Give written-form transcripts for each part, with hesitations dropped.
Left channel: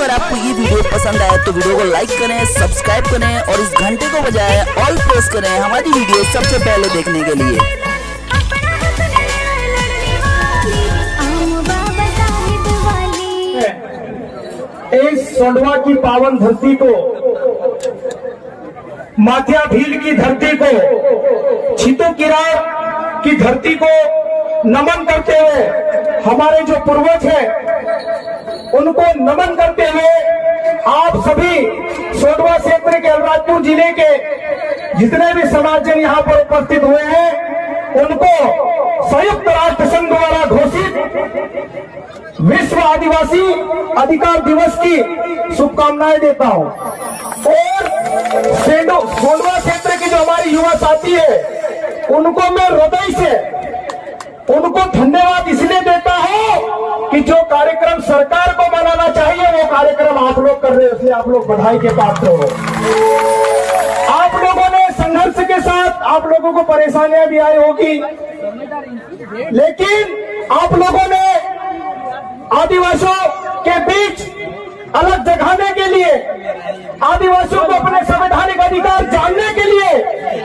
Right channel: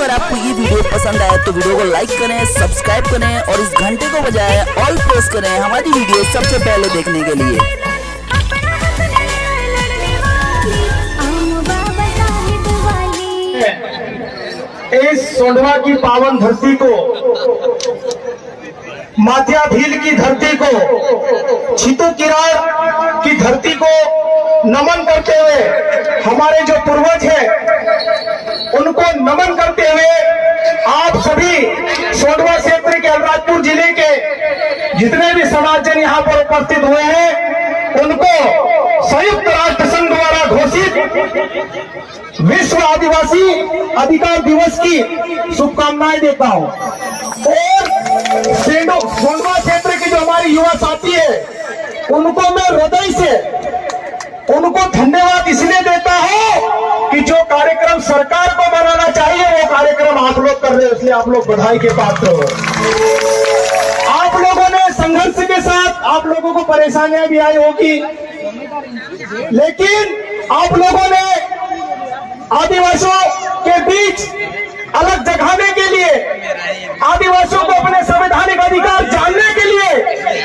अगर आपको ये वीडियो पसंद आए तो वीडियो को लाइक करें, सब्सक्राइब करें और इस घंटे को बजाय ऑल प्रेस करें हमारी वीडियो सबसे पहले देखने के लिए। इस सोंडवा की पावन धरती को, माथिया भील की धरती को, छितू किरार की धरती को नमन करते हुए, हमारे जो पूर्वज हैं उनको नमन करते हुए आप सभी सोंडवा क्षेत्र के अलीराजपुर जिले के जितने भी समाजजन यहाँ पर उपस्थित हुए हैं उनको संयुक्त राष्ट्र संघ द्वारा घोषित विश्व आदिवासी अधिकार दिवस की शुभकामनाएं देता हूं। और सोंडवा क्षेत्र के जो हमारे युवा साथी है उनको मैं हृदय से उनको धन्यवाद इसलिए देता हूं कि जो कार्यक्रम सरकार को बनाना चाहिए वो कार्यक्रम आप लोग कर रहे हैं, इसलिए आप लोग बधाई के पात्र हो। आप लोगों ने संघर्ष के साथ, आप लोगों को परेशानियां भी आई होगी, लेकिन आप लोगों ने आदिवासियों के बीच अलग जगाने के लिए, आदिवासियों को अपने संवैधानिक अधिकार जानने के लिए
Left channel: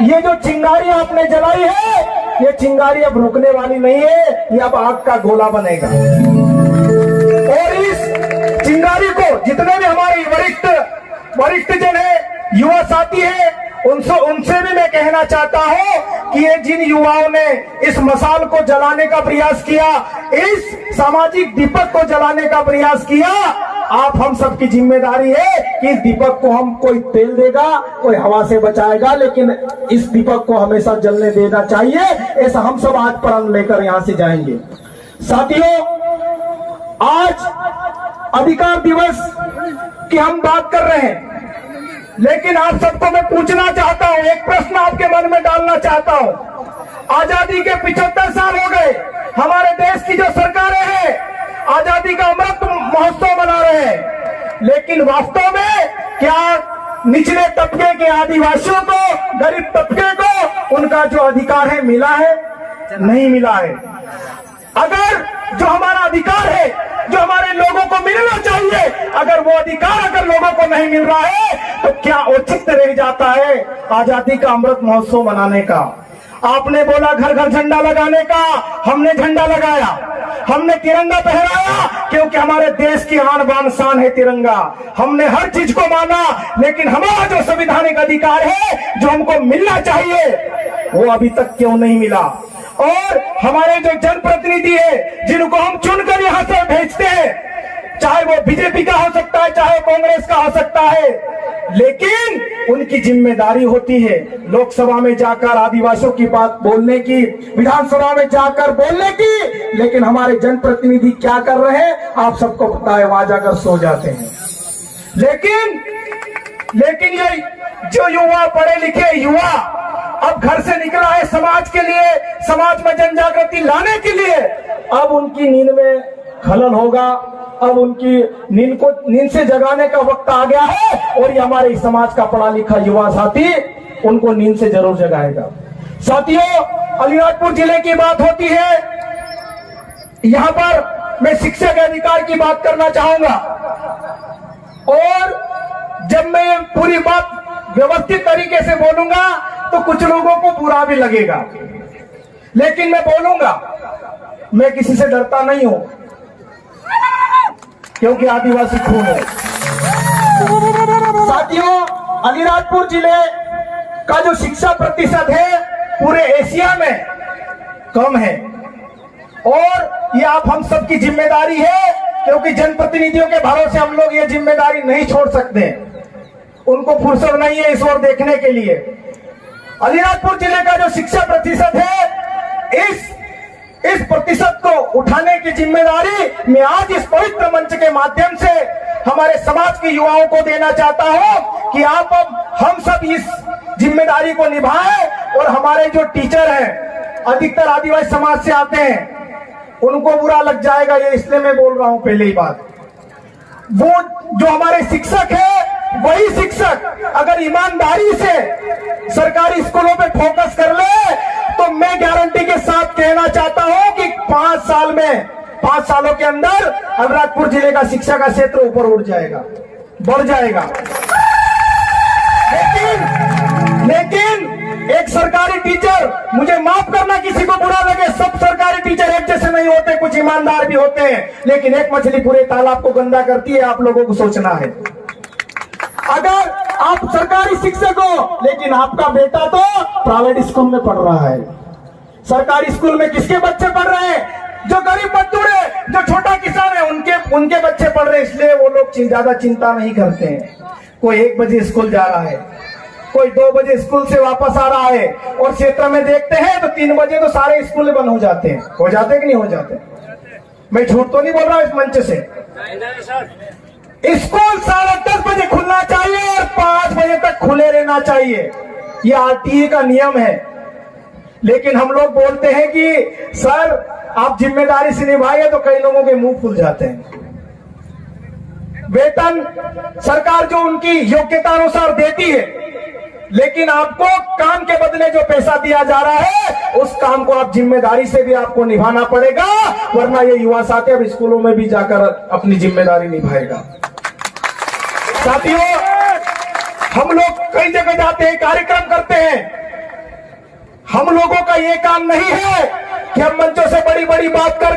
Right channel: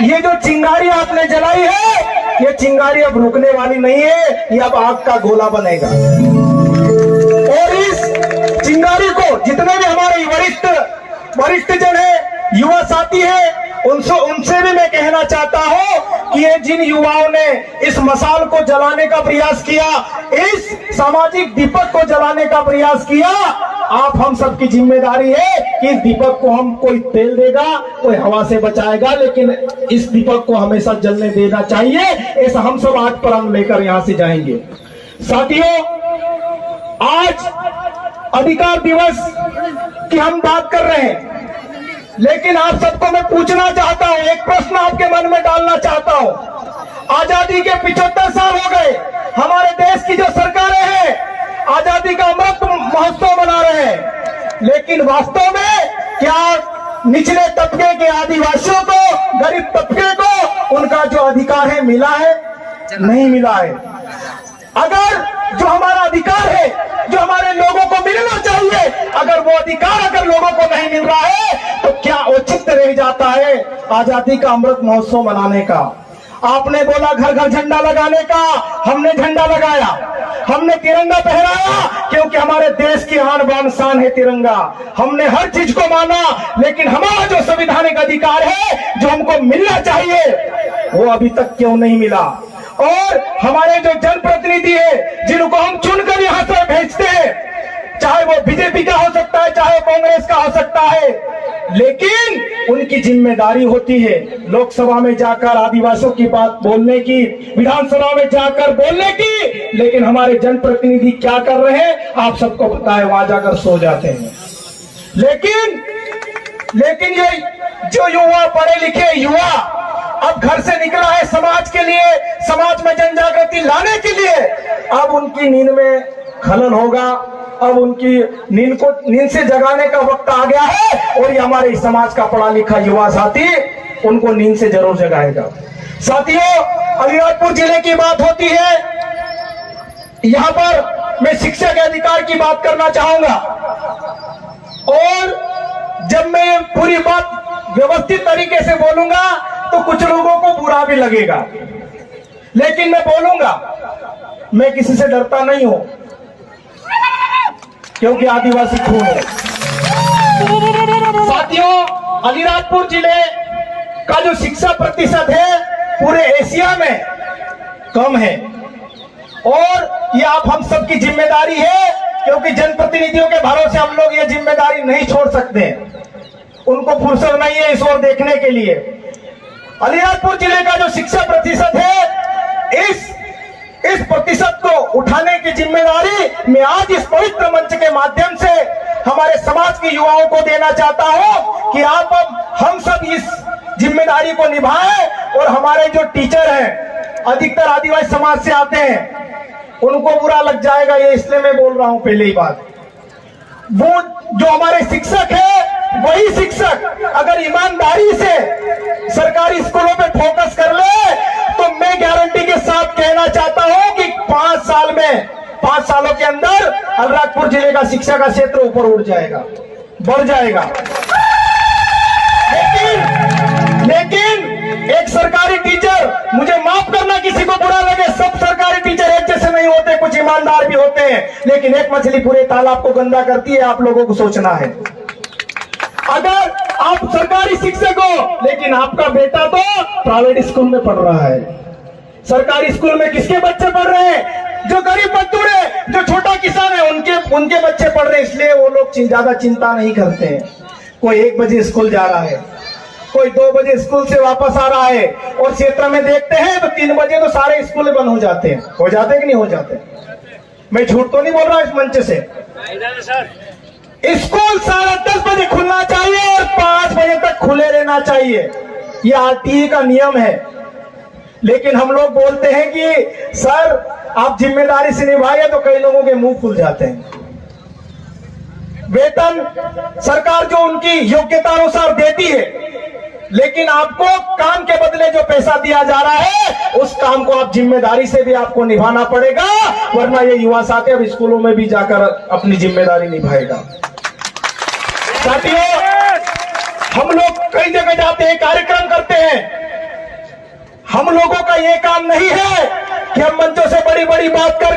ये जो चिंगारी आपने जलाई है, ये चिंगारी अब रुकने वाली नहीं है, ये अब आग का गोला बनेगा। और इस चिंगारी को जितने भी हमारे वरिष्ठ जन है, युवा साथी है, उनसे भी मैं कहना चाहता हूं कि ये जिन युवाओं ने इस मसाल को जलाने का प्रयास किया, इस सामाजिक दीपक को जलाने का प्रयास किया, आप हम सबकी जिम्मेदारी है कि इस दीपक को हम, कोई तेल देगा, कोई हवा से बचाएगा, लेकिन इस दीपक को हमेशा जलने देना चाहिए। ऐसा हम सब आग पर अंग लेकर यहां से जाएंगे। साथियों, आज अधिकार दिवस की हम बात कर रहे हैं, लेकिन आप सबको मैं पूछना चाहता हूं, एक प्रश्न आपके मन में डालना चाहता हूं। आजादी के 75 साल हो गए, हमारे देश की जो सरकारें हैं आजादी का अमृत महोत्सव मना रहे हैं, लेकिन वास्तव में क्या निचले तबके के आदिवासियों को, गरीब तबके को उनका जो अधिकार है मिला है? नहीं मिला है। अगर जो हमारा अधिकार है, जो हमारे लोगों को मिलना चाहिए, अगर वो अधिकार अगर लोगों को नहीं मिल रहा है तो क्या औचित्य रह जाता है आजादी का अमृत महोत्सव मनाने का? आपने बोला घर घर झंडा लगाने का, हमने झंडा लगाया, हमने तिरंगा पहराया, क्योंकि हमारे देश की आन बान शान है तिरंगा। हमने हर चीज को माना, लेकिन हमारा जो संवैधानिक अधिकार है, जो हमको मिलना चाहिए, वो अभी तक क्यों नहीं मिला? और हमारे जो जनप्रतिनिधि है, जिनको हम चुनकर यहाँ से भेजते हैं, चाहे वो बीजेपी का हो सकता है, चाहे कांग्रेस का हो सकता है, लेकिन उनकी जिम्मेदारी होती है लोकसभा में जाकर आदिवासियों की बात बोलने की, विधानसभा में जाकर बोलने की, लेकिन हमारे जनप्रतिनिधि क्या कर रहे हैं आप सबको पता है, वहां जाकर सो जाते हैं। लेकिन ये जो युवा, पढ़े लिखे युवा अब घर से निकला है समाज के लिए, समाज में जन जागृति लाने के लिए, अब उनकी नींद में खलल होगा, अब उनकी नींद से जगाने का वक्त आ गया है, और ये हमारे समाज का पढ़ा लिखा युवा साथी उनको नींद से जरूर जगाएगा। साथियों, अलीराजपुर जिले की बात होती है, यहाँ पर मैं शिक्षा के अधिकार की बात करना चाहूंगा, और जब मैं पूरी बात व्यवस्थित तरीके से बोलूंगा तो कुछ लोगों को बुरा भी लगेगा, लेकिन मैं बोलूंगा, मैं किसी से डरता नहीं हूं, क्योंकि आदिवासी खून है। साथियों, अलीराजपुर जिले का जो शिक्षा प्रतिशत है पूरे एशिया में कम है, और ये आप हम सबकी जिम्मेदारी है, क्योंकि जनप्रतिनिधियों के भरोसे हम लोग ये जिम्मेदारी नहीं छोड़ सकते, उनको फुर्सत नहीं है इस ओर देखने के लिए। अलीराजपुर जिले का जो शिक्षा प्रतिशत है, इस प्रतिशत को उठाने की जिम्मेदारी मैं आज इस पवित्र मंच के माध्यम से हमारे समाज के युवाओं को देना चाहता हूं कि आप अब हम सब इस जिम्मेदारी को निभाएं, और हमारे जो टीचर हैं अधिकतर आदिवासी समाज से आते हैं, उनको बुरा लग जाएगा, ये इसलिए मैं बोल रहा हूं पहले ही बात। वो जो हमारे शिक्षक है, वही शिक्षक अगर ईमानदारी से सरकारी स्कूलों पे फोकस कर ले, तो मैं गारंटी के साथ कहना चाहता हूं कि 5 साल में 5 सालों के अंदर अलीराजपुर जिले का शिक्षा का क्षेत्र ऊपर उठ जाएगा, बढ़ जाएगा। लेकिन एक सरकारी टीचर, मुझे माफ करना किसी को बुरा लगे, सब सरकारी टीचर एक जैसे नहीं होते, कुछ ईमानदार भी होते हैं, लेकिन एक मछली पूरे तालाब को गंदा करती है, आप लोगों को सोचना है। अगर आप सरकारी शिक्षक हो लेकिन आपका बेटा तो प्राइवेट स्कूल में पढ़ रहा है, सरकारी स्कूल में किसके बच्चे पढ़ रहे हैं? जो गरीब मजदूर है, जो छोटा किसान है, उनके बच्चे पढ़ रहे हैं, इसलिए वो लोग ज्यादा चिंता नहीं करते हैं। कोई 1 बजे स्कूल जा रहा है, कोई 2 बजे स्कूल से वापस आ रहा है, और क्षेत्र में देखते हैं तो 3 बजे तो सारे स्कूल बंद हो जाते हैं। हो जाते कि नहीं हो जाते? मैं झूठ तो नहीं बोल रहा इस मंच से। स्कूल 10:30 बजे खुलना चाहिए और 5 बजे तक खुले रहना चाहिए, ये आरटीई का नियम है। लेकिन हम लोग बोलते हैं कि सर आप जिम्मेदारी से निभाइए, तो कई लोगों के मुंह खुल जाते हैं। वेतन सरकार जो उनकी योग्यता अनुसार देती है, लेकिन आपको काम के बदले जो पैसा दिया जा रहा है, उस काम को आप जिम्मेदारी से भी आपको निभाना पड़ेगा, वरना ये युवा साथी अब स्कूलों में भी जाकर अपनी जिम्मेदारी निभाएगा। साथियों, हम लोग कई जगह जाते हैं, कार्यक्रम करते हैं, हम लोगों का ये काम नहीं है कि हम मंचों से बड़ी बड़ी बात कर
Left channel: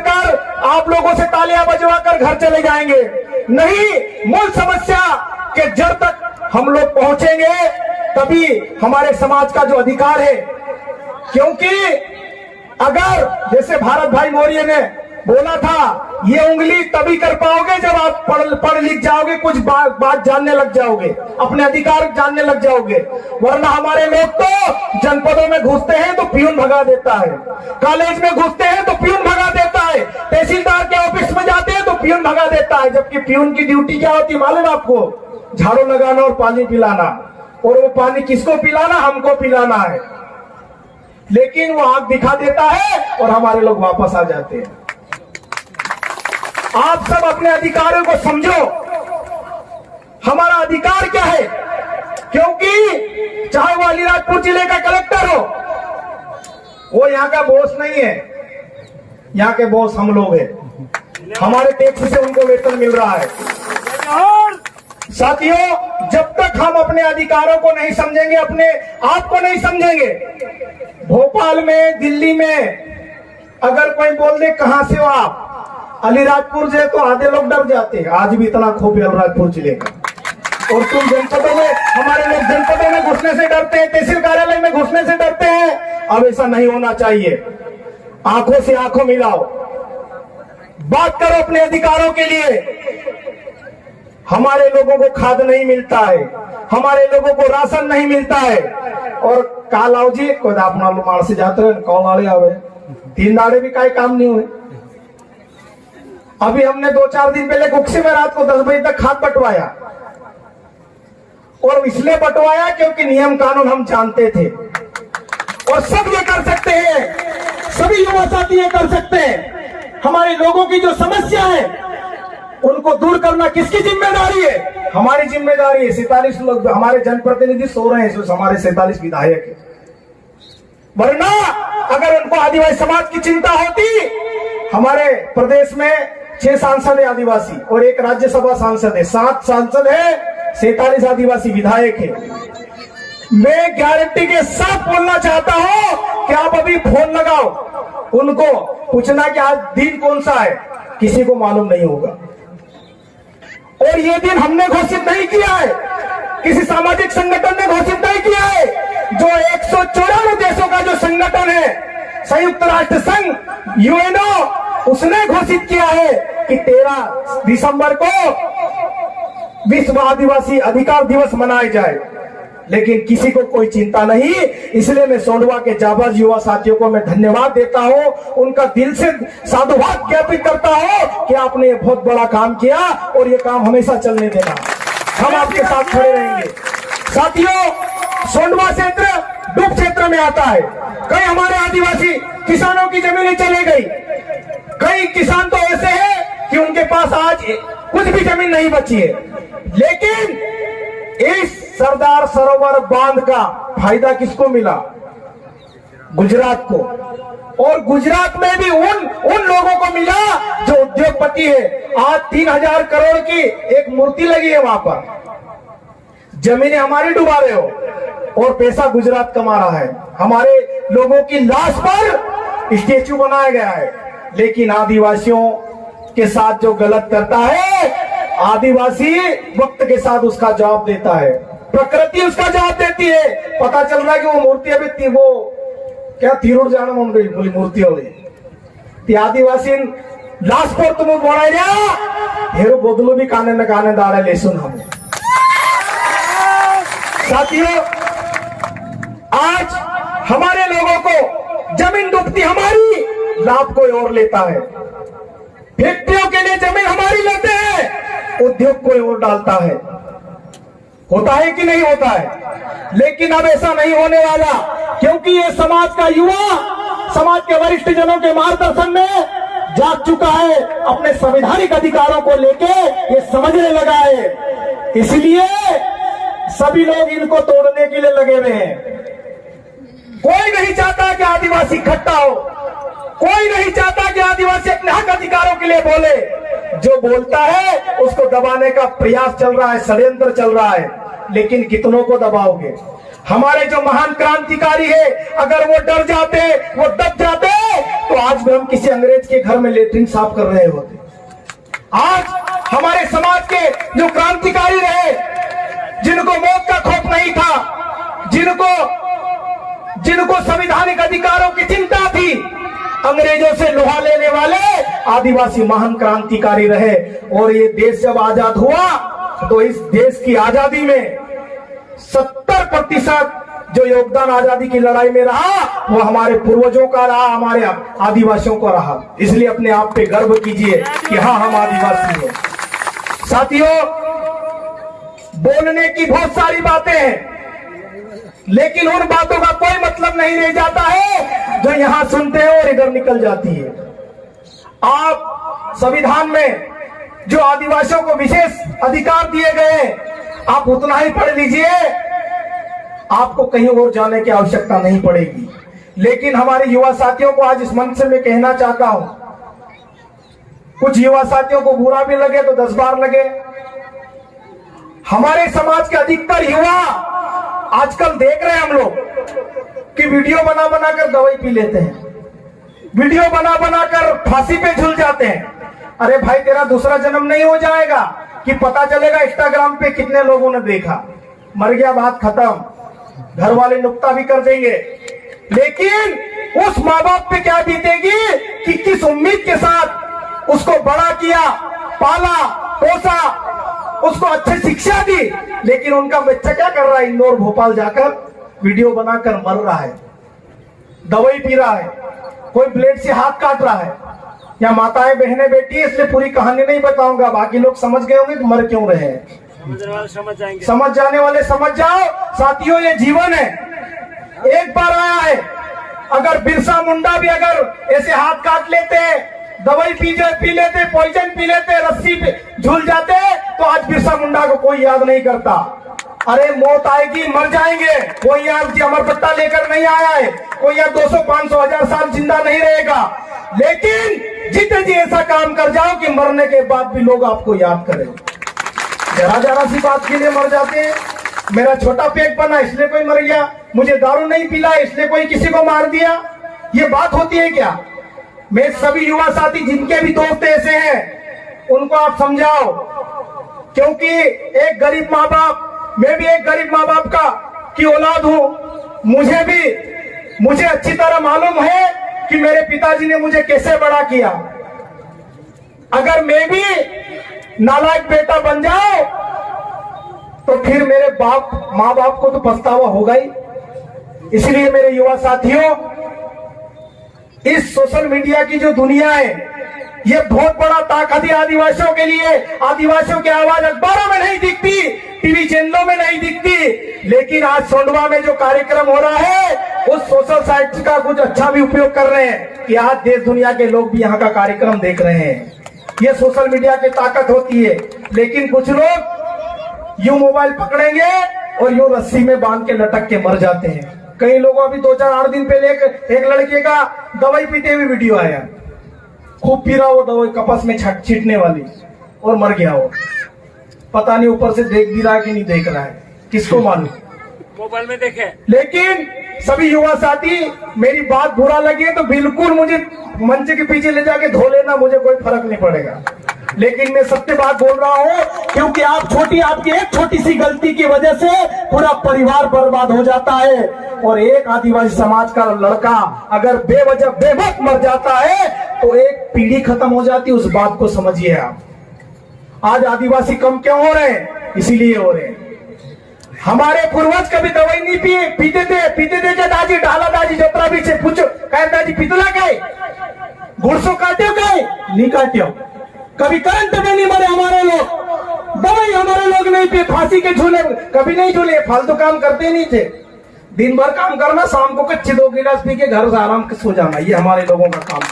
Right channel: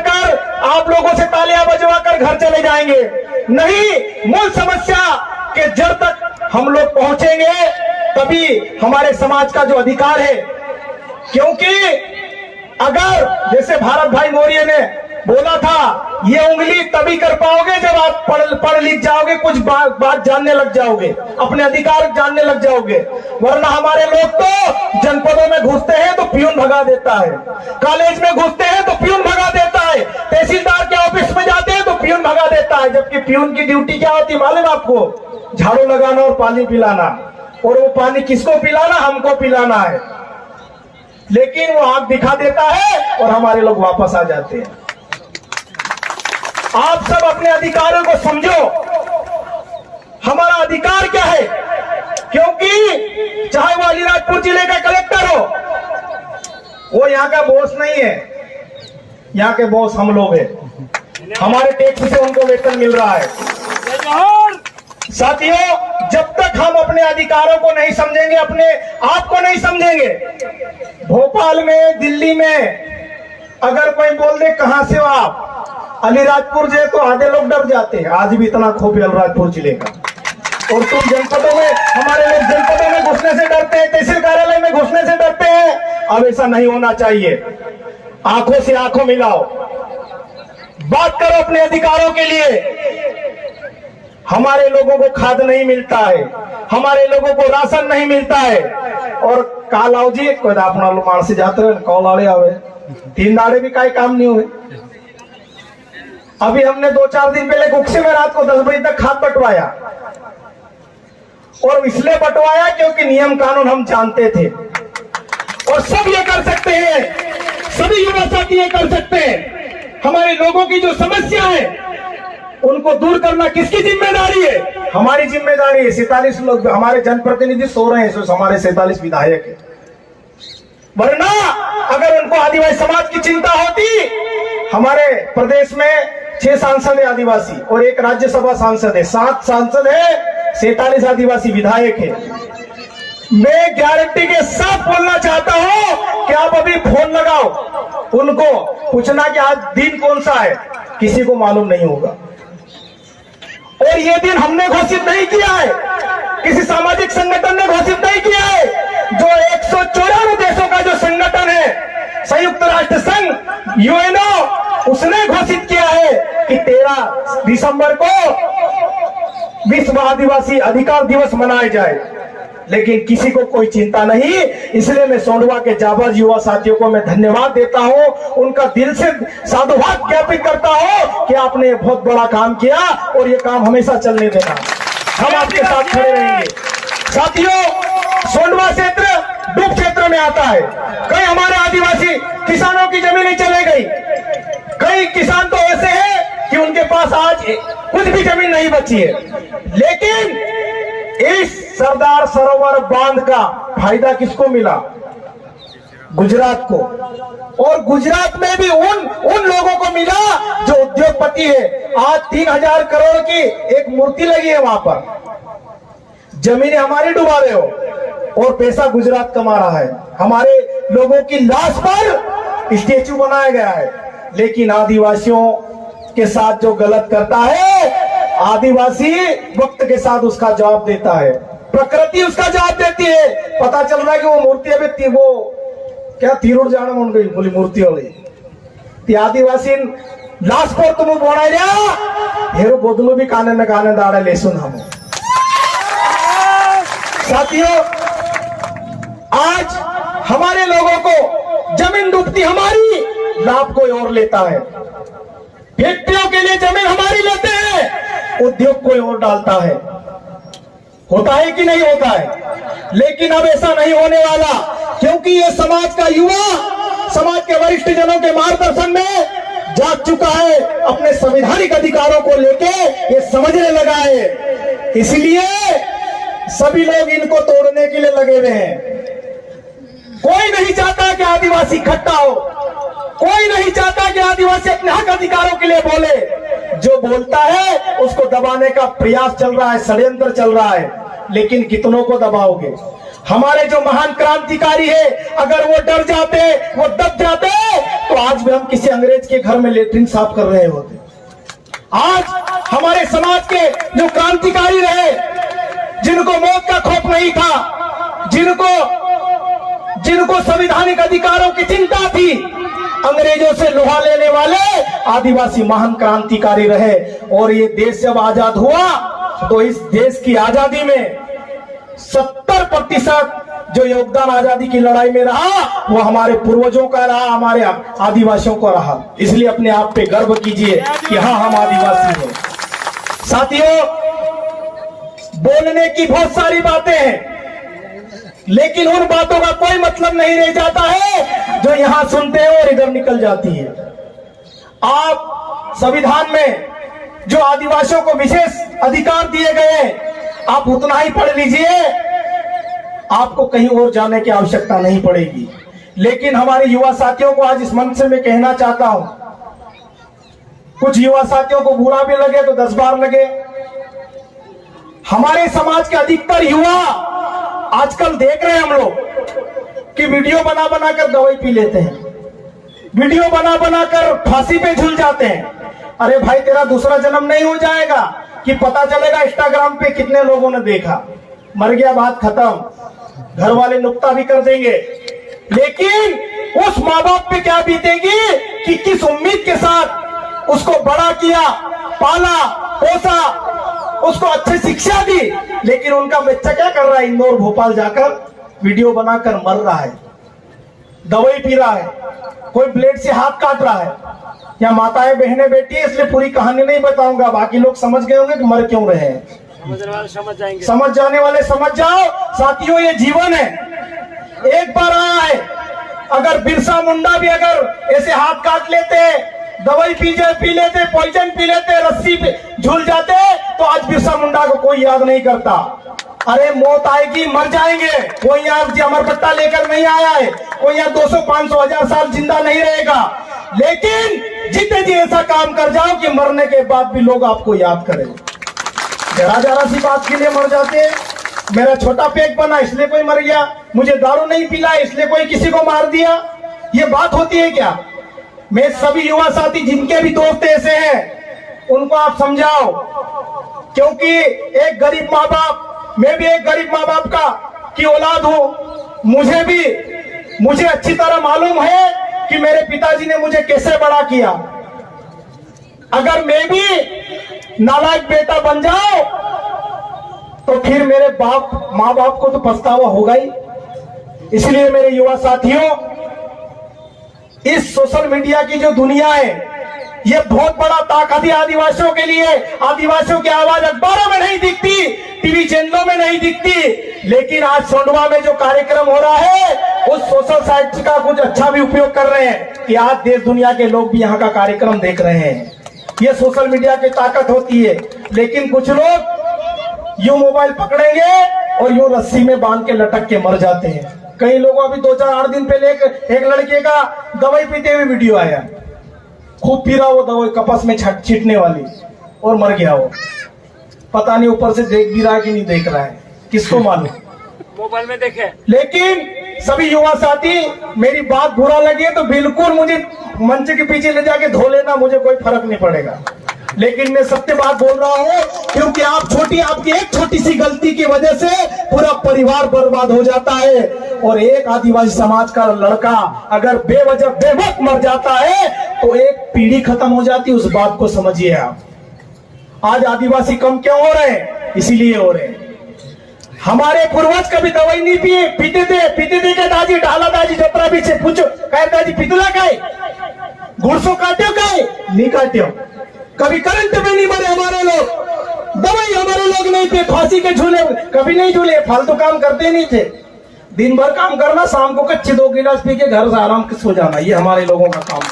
आप लोगों से तालियां बजवा कर घर चले जाएंगे। नहीं, मूल समस्या के जड़ तक हम लोग पहुंचेंगे, तभी हमारे समाज का जो अधिकार है। क्योंकि अगर जैसे भारत भाई मौर्य ने बोला था, ये उंगली तभी कर पाओगे जब आप पढ़ लिख जाओगे, कुछ बात जानने लग जाओगे, अपने अधिकार जानने लग जाओगे, वरना हमारे लोग तो जनपदों में घुसते हैं तो पियून भगा देता है, कॉलेज में घुसते हैं तो पियून भगा देता है, तहसीलदार के ऑफिस में जाते हैं तो पियून भगा देता है। जबकि पियून की ड्यूटी क्या होती है मालूम आपको? झाड़ू लगाना और पानी पिलाना, और वो पानी किसको पिलाना? हमको पिलाना है। लेकिन वो आग दिखा देता है और हमारे लोग वापस आ जाते हैं। आप सब अपने अधिकारों को समझो, हमारा अधिकार क्या है। क्योंकि चाहे वो अलीराजपुर जिले का कलेक्टर हो, वो यहाँ का बॉस नहीं है, यहाँ के बॉस हम लोग हैं, हमारे टैक्स से उनको वेतन मिल रहा है। साथियों, जब तक हम अपने अधिकारों को नहीं समझेंगे, अपने आप को नहीं समझेंगे, भोपाल में, दिल्ली में अगर कोई बोल दे कहां से हो आप, अलीराजपुर जिले, तो आधे लोग डर जाते हैं। आज भी इतना खौफ है अलीराजपुर जिले का। और तुम जनपदों में, हमारे लोग जनपदों में घुसने से डरते हैं, तहसील कार्यालय में घुसने से डरते हैं। अब ऐसा नहीं होना चाहिए। आंखों से आंखों मिलाओ, बात करो अपने अधिकारों के लिए। हमारे लोगों को खाद नहीं मिलता है, हमारे लोगों को राशन नहीं मिलता है। और कालाओ जी कोई अपना मार से जाते रहे, कौन आड़े आवे, 3 दाड़े भी कई काम नहीं हुए। अभी हमने 2-4 दिन पहले गुक्से में रात को 10 बजे तक खाद बंटवाया, और इसलिए बंटवाया क्योंकि नियम कानून हम जानते थे। और सब ये कर सकते हैं, सभी युवा साथी ये कर सकते हैं। हमारे लोगों की जो समस्या है उनको दूर करना किसकी जिम्मेदारी है? हमारी जिम्मेदारी है। 47 लोग हमारे जनप्रतिनिधि सो रहे हैं, हमारे 47 विधायक है। वरना अगर उनको आदिवासी समाज की चिंता होती, हमारे प्रदेश में 6 सांसद है आदिवासी और 1 राज्यसभा सांसद है, 7 सांसद है, 47 आदिवासी विधायक है। मैं गारंटी के साथ बोलना चाहता हूं कि आप अभी फोन लगाओ, उनको पूछना कि आज दिन कौन सा है, किसी को मालूम नहीं होगा। और ये दिन हमने घोषित नहीं किया है, किसी सामाजिक संगठन ने घोषित नहीं किया है। जो 194 देशों का जो संगठन है, संयुक्त राष्ट्र संघ, यूएनओ, उसने घोषित किया है कि 13 दिसंबर को विश्व आदिवासी अधिकार दिवस मनाया जाए। लेकिन किसी को कोई चिंता नहीं। इसलिए मैं सोंडवा के जाबाज युवा साथियों को मैं धन्यवाद देता हूं, उनका दिल से साधुवाद ज्ञापित करता हूं कि आपने ये बहुत बड़ा काम किया और ये काम हमेशा चलने देना, हम आपके साथ खड़े रहेंगे। साथियों, सोंडवा क्षेत्र डूब क्षेत्र में आता है। कई हमारे आदिवासी किसानों की जमीनें चले गई, कई किसान तो ऐसे हैं कि उनके पास आज कुछ भी जमीन नहीं बची है। लेकिन इस सरदार सरोवर बांध का फायदा किसको मिला? गुजरात को, और गुजरात में भी उन लोगों को मिला जो उद्योगपति है। आज 3000 करोड़ की एक मूर्ति लगी है वहां पर। जमीनें हमारी डुबा रहे हो और पैसा गुजरात कमा रहा है। हमारे लोगों की लाश पर स्टेचू बनाया गया है, लेकिन आदिवासियों के साथ जो गलत करता है, आदिवासी वक्त के साथ उसका जवाब देता है, प्रकृति उसका जवाब देती है। पता चल रहा है कि वो मूर्ति अभी वो क्या तीरुड़ जाना मन गई बोली मूर्ति वाली आदिवासी लाश पर तुम बनाई हेरो बदलो भी काने न काने दाड़ा ले सुन। हम साथियों, आज हमारे लोगों को जमीन डूबती हमारी, लाभ कोई और लेता है। फैक्ट्रियों के लिए जमीन हमारी लेते हैं, उद्योग कोई और डालता है। होता है कि नहीं होता है? लेकिन अब ऐसा नहीं होने वाला, क्योंकि ये समाज का युवा समाज के वरिष्ठ जनों के मार्गदर्शन में जाग चुका है, अपने संवैधानिक अधिकारों को लेके ये समझने लगा है। इसलिए सभी लोग इनको तोड़ने के लिए लगे हुए हैं। कोई नहीं चाहता कि आदिवासी इकट्ठा हो, कोई नहीं चाहता कि आदिवासी अपने हक अधिकारों के लिए बोले। जो बोलता है उसको दबाने का प्रयास चल रहा है, षड्यंत्र चल रहा है। लेकिन कितनों को दबाओगे? हमारे जो महान क्रांतिकारी है, अगर वो डर जाते, वो दब जाते, तो आज भी हम किसी अंग्रेज के घर में लेटरिन साफ कर रहे होते। आज हमारे समाज के जो क्रांतिकारी रहे, जिनको मौत का खौफ नहीं था, जिनको संवैधानिक अधिकारों की चिंता थी, अंग्रेजों से लोहा लेने वाले आदिवासी महान क्रांतिकारी रहे। और ये देश जब आजाद हुआ तो इस देश की आजादी में 70% जो योगदान आजादी की लड़ाई में रहा, वो हमारे पूर्वजों का रहा, हमारे आदिवासियों का रहा। इसलिए अपने आप पे गर्व कीजिए कि हाँ, हम आदिवासी हैं। साथियों, बोलने की बहुत सारी बातें हैं, लेकिन उन बातों का कोई मतलब नहीं रह जाता है जो यहां सुनते हैं और इधर निकल जाती है। आप संविधान में जो आदिवासियों को विशेष अधिकार दिए गए, आप उतना ही पढ़ लीजिए, आपको कहीं और जाने की आवश्यकता नहीं पड़ेगी। लेकिन हमारे युवा साथियों को आज इस मंच से मैं कहना चाहता हूं, कुछ युवा साथियों को बुरा भी लगे तो 10 बार लगे। हमारे समाज के अधिकतर युवा आजकल देख रहे हैं हम लोग कि वीडियो बना बना कर दवाई पी लेते हैं, वीडियो बना बना कर फांसी पे झूल जाते हैं। अरे भाई, तेरा दूसरा जन्म नहीं हो जाएगा कि पता चलेगा इंस्टाग्राम पे कितने लोगों ने देखा, मर गया, बात खत्म, घर वाले नुक्ता भी कर देंगे। लेकिन उस माँ बाप पे क्या बीतेगी कि किस उम्मीद के साथ उसको बड़ा किया, पाला पोसा, उसको अच्छी शिक्षा दी, लेकिन उनका बच्चा क्या कर रहा है? इंदौर भोपाल जाकर वीडियो बनाकर मर रहा है, दवाई पी रहा है, कोई ब्लेड से हाथ काट रहा है। या माताएं बहनें बैठी है, इसलिए पूरी कहानी नहीं बताऊंगा, बाकी लोग समझ गए होंगे कि मर क्यों रहे हैं। समझ जाने वाले समझ जाओ। साथियों, ये जीवन है, एक बार आया है। अगर बिरसा मुंडा भी अगर ऐसे हाथ काट लेते, दवाई पी लेते, पॉइजन पी लेते, रस्सी पे झूल जाते, तो आज बिरसा मुंडा को कोई याद नहीं करता। अरे मौत आएगी, मर जाएंगे। कोई यहाँ अमर पट्टा लेकर नहीं आया है, कोई यहाँ 200, 500, 1000 साल जिंदा नहीं रहेगा। लेकिन जितने जी ऐसा काम कर जाओ कि मरने के बाद भी लोग आपको याद करें। जरा सी बात के लिए मर जाते हैं। मेरा छोटा पेट बना इसलिए कोई मर गया, मुझे दारू नहीं पिला इसलिए कोई किसी को मार दिया, ये बात होती है क्या? मैं सभी युवा साथी जिनके भी दोस्त ऐसे हैं, उनको आप समझाओ, क्योंकि एक गरीब माँ बाप, मैं भी एक गरीब माँ बाप का की औलाद हूं। मुझे अच्छी तरह मालूम है कि मेरे पिताजी ने मुझे कैसे बड़ा किया। अगर मैं भी नालायक बेटा बन जाऊं तो फिर मेरे माँ बाप को तो पछतावा होगा ही। इसलिए मेरे युवा साथियों, इस सोशल मीडिया की जो दुनिया है, ये बहुत बड़ा ताकत है आदिवासियों के लिए। आदिवासियों की आवाज अखबारों में नहीं दिखती, टीवी चैनलों में नहीं दिखती, लेकिन आज सोंडवा में जो कार्यक्रम हो रहा है, उस सोशल साइट का कुछ अच्छा भी उपयोग कर रहे हैं कि आज देश दुनिया के लोग भी यहाँ का कार्यक्रम देख रहे हैं। ये सोशल मीडिया की ताकत होती है। लेकिन कुछ लोग यूं मोबाइल पकड़ेंगे और यूं रस्सी में बांध के लटक के मर जाते हैं। कई लोगों को अभी 2-4-8 दिन पहले एक लड़के का दवाई पीते हुए वीडियो आया, खूब पी रहा वो दवाई कपास में छींटने वाली, और मर गया वो। पता नहीं ऊपर से देख भी रहा है कि नहीं देख रहा है, किसको मालूम, मोबाइल में देखे। लेकिन सभी युवा साथी, मेरी बात बुरा लगी है तो बिल्कुल मुझे मंच के पीछे ले जाके धो लेना, मुझे कोई फर्क नहीं पड़ेगा। लेकिन मैं सत्य बात बोल रहा हूँ, क्योंकि आपकी एक छोटी सी गलती की वजह से पूरा परिवार बर्बाद हो जाता है। और एक आदिवासी समाज का लड़का अगर बेवजह बेवक्त मर जाता है तो एक पीढ़ी खत्म हो जाती है, उस बात को समझिए आप। आज आदिवासी कम क्यों हो रहे हैं? इसीलिए हो रहे हैं। हमारे पूर्वज कभी दवाई नहीं पीते थे क्या दाजी? डाला दाजी जोपरा पीछे पूछो, कहे दाजी पितला काय गुड़सो काट्यो काय नहीं काट्यो। कभी करंट में नहीं मरे हमारे लोग, दवाई हमारे लोग नहीं पी, फांसी के झूले कभी नहीं झूले, फालतू काम करते नहीं थे। दिन भर काम करना, शाम को कच्ची 2 गिलास पी के घर से आराम से सो जाना, ये हमारे लोगों का काम है।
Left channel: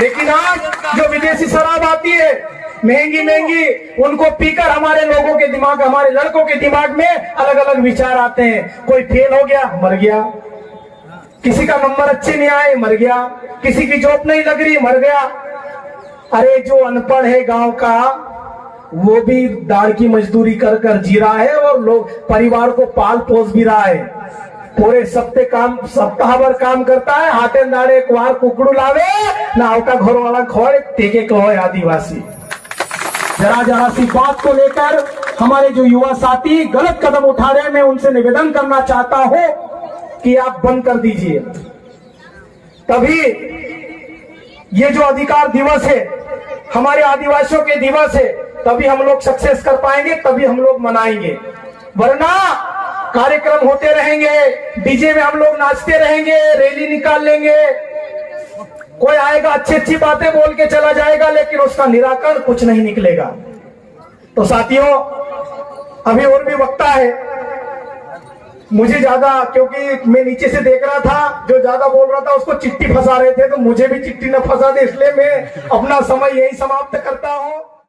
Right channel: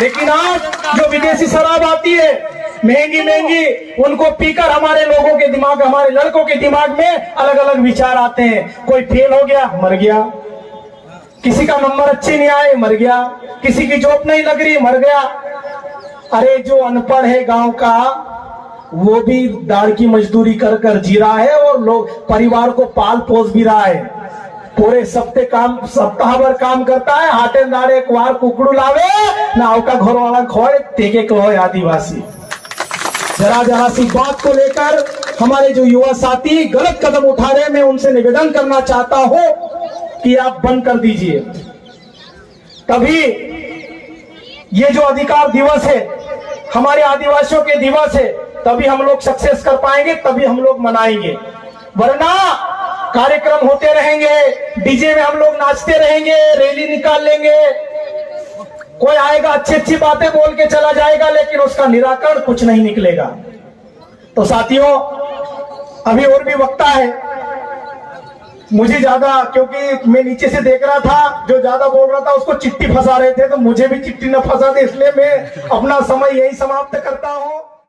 लेकिन आज जो विदेशी शराब आती है महंगी महंगी, उनको पीकर हमारे लोगों के दिमाग, हमारे लड़कों के दिमाग में अलग अलग विचार आते हैं। कोई फेल हो गया, मर गया, किसी का नंबर अच्छे नहीं आए, मर गया, किसी की जॉब नहीं लग रही, मर गया। अरे जो अनपढ़ है गांव का, वो भी दाढ़ की मजदूरी कर कर जी रहा है और लोग परिवार को पाल पोस भी रहा है। पूरे सप्ताह भर काम करता है, हाथे दाड़े कुआर कुकड़ू लावे ना, का घर वाला खोए टेके कहो आदिवासी। जरा सी बात को लेकर हमारे जो युवा साथी गलत कदम उठा रहे हैं, मैं उनसे निवेदन करना चाहता हूं कि आप बंद कर दीजिए। तभी ये जो अधिकार दिवस है, हमारे आदिवासियों के दिवस है, तभी हम लोग सक्सेस कर पाएंगे, तभी हम लोग मनाएंगे। वरना कार्यक्रम होते रहेंगे, डीजे में हम लोग नाचते रहेंगे, रैली निकाल लेंगे, कोई आएगा अच्छी बातें बोल के चला जाएगा, लेकिन उसका निराकरण कुछ नहीं निकलेगा। तो साथियों, अभी और भी वक्ता है, मुझे ज्यादा, क्योंकि मैं नीचे से देख रहा था, जो ज्यादा बोल रहा था उसको चिट्ठी फंसा रहे थे, तो मुझे भी चिट्ठी न फंसा दे, इसलिए मैं अपना समय यही समाप्त करता हूं।